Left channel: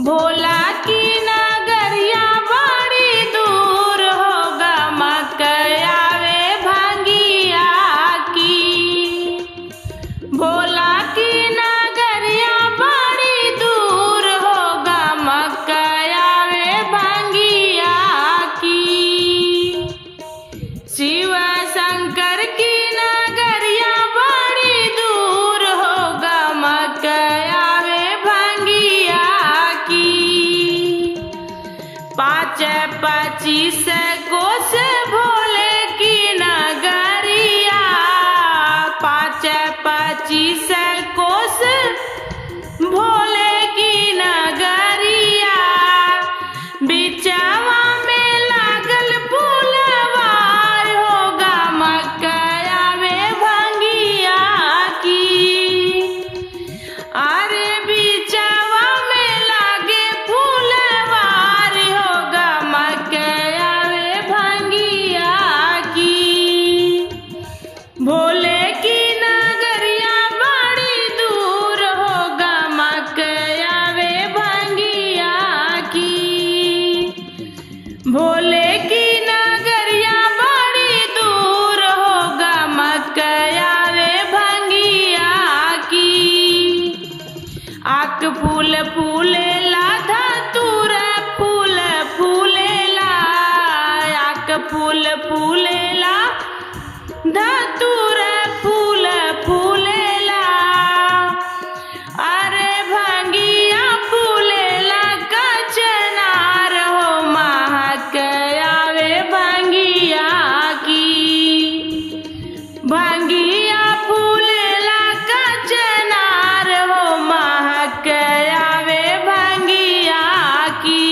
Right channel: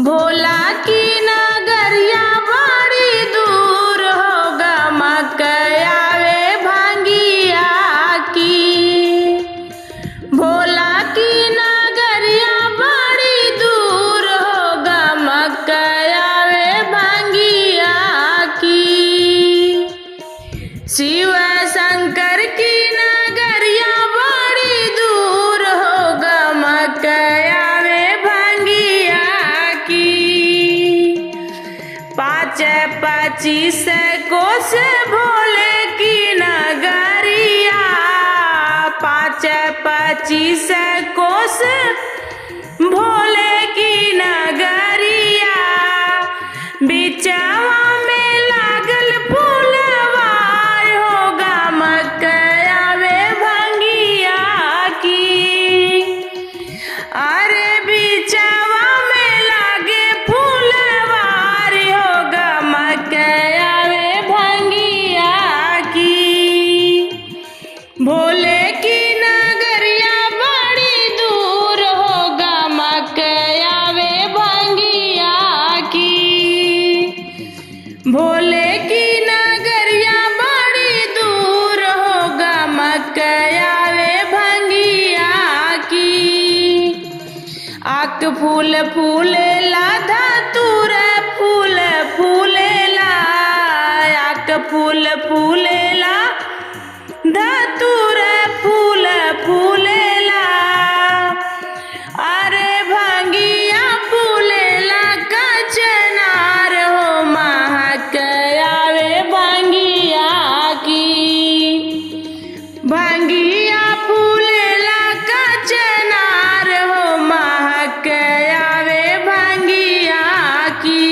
भोला की नगरिया बड़ी दूर होगा मकया वे भांगिया की। भोला की नगरिया बड़ी दूर होगा मकया वे भांगिया की। शिव शंकर की नगरिया बड़ी दूर होगा मकया वे भांगिया की। 5-25 कोस भोले की नगरिया, 5-25 कोस भोले की नगरिया। बिचवा में लागल फूलवार होगा मकया वे भांगिया की। अरे बिचवा में लागे फूलवार होगा मकया वे भांगिया की। भोले की नगरिया बड़ी दूर होगा मकया वे भांगिया की। भोले की नगरिया बड़ी दूर होगा मकया वे भांगिया की। आक फूल फूलेला धतूर फूल फूलेला, आक फूल फूलेला धतूर फूल फूलेला। अरे भांगिया फूलेला कचनार हो महकया वे भांगिया की। भांगिया फूलेला कचनार हो महकया वे भांगिया की।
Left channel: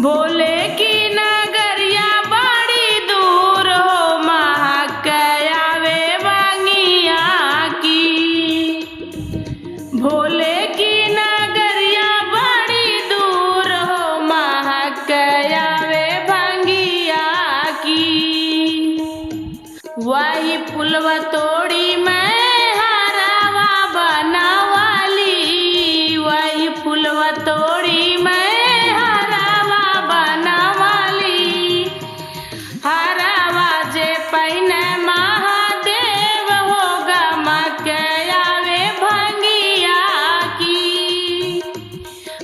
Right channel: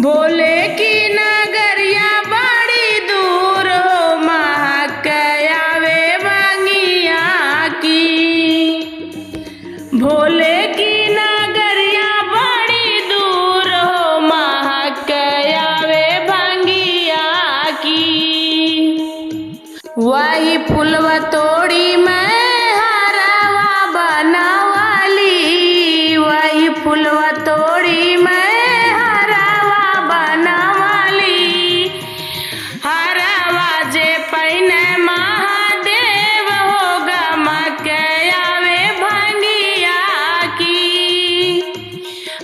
भोले की नगरिया बड़ी दूर हो महकया वे भांगिया की। भोले की नगरिया बड़ी दूर हो महकया वे भांगिया की। वही फुलवा तोड़ी मैं हरवा बनवाली, वही फुलवा तोड़ी मैं हरवा बनवाली। हरवा जे पहिने महादेव होगा मकया वे भांगिया की।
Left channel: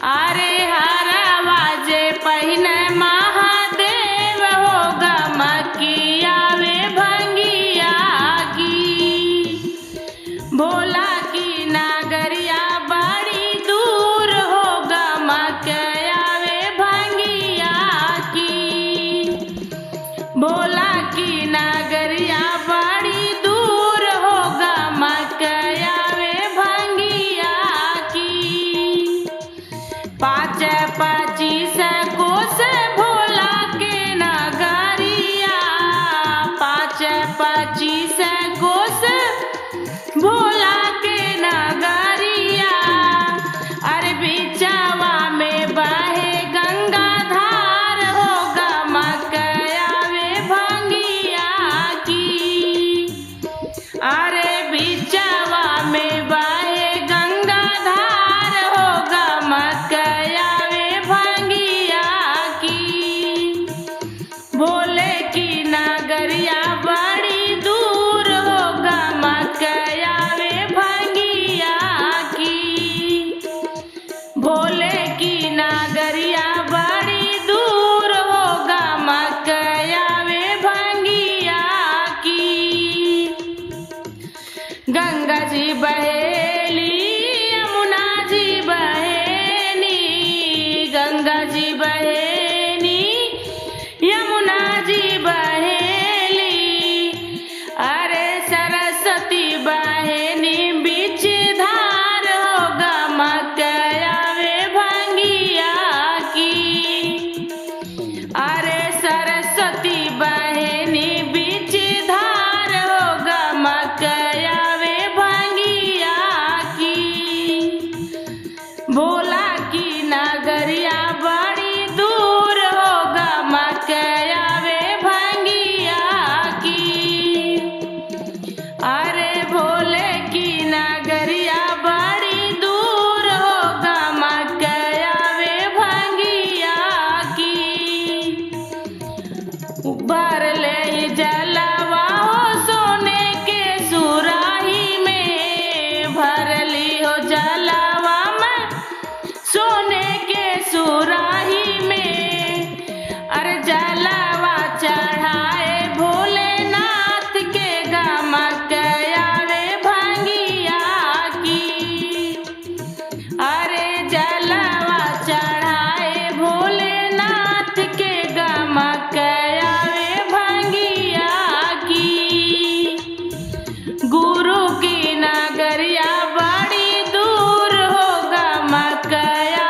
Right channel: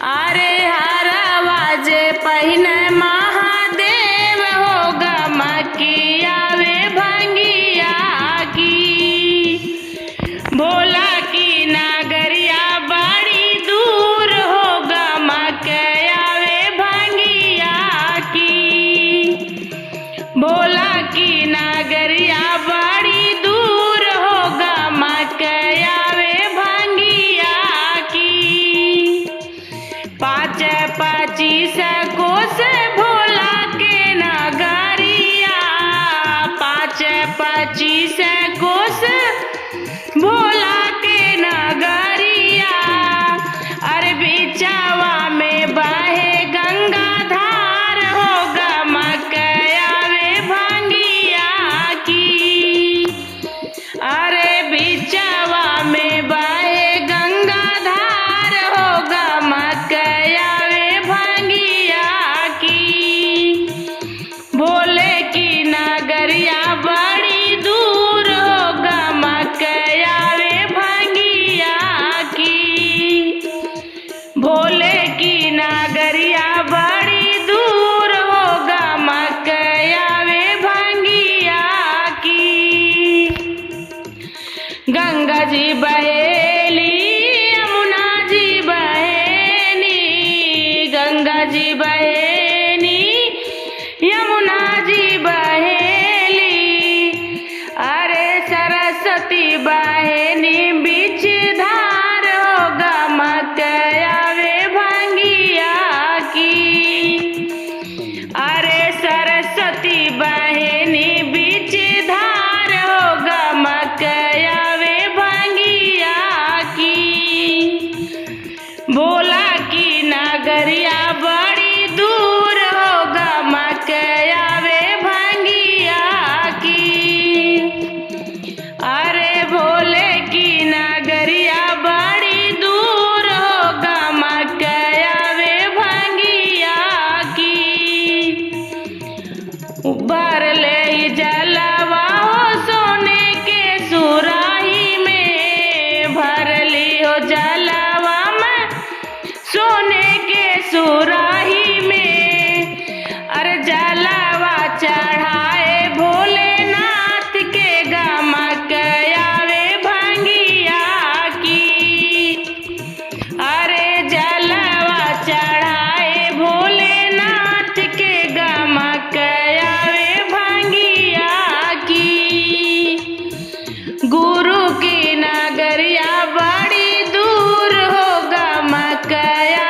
अरे हरवा जे पहिने महादेव होगा मकया वे भांगिया की। भोला की नगरिया बड़ी दूर होगा मकया वे भांगिया की। भोला की नगरिया बड़ी दूर होगा मकया वे भांगिया की। 5-25 कोस भोला के नगरिया, 5-25 कोस भोला के नगरिया। अरे बिचवा में बहे गंगा धार होगा मकया वे भांगिया की। अरे बिचवा में बहे गंगा धार होगा मकया वे भांगिया की। भोले की नगरिया बड़ी दूर होगा मकया वे भांगिया की। भोले की नगरिया बड़ी दूर होगा मकया वे भांगिया की। गंगा जी बहेली यमुना जी बहेनी, गंगा जी बहेनी यमुना जी बहेली। अरे सरस्वती बहेनी बीच धार होगा मकया वे भांगिया की। अरे सरस्वती बहेनी बीच धार होगा मकया वे भांगिया की। भोला की नगरिया बड़ी दूर होगा मकया वे भांगिया की। अरे भोले की नगरिया बड़ी दूर होगा मकया गया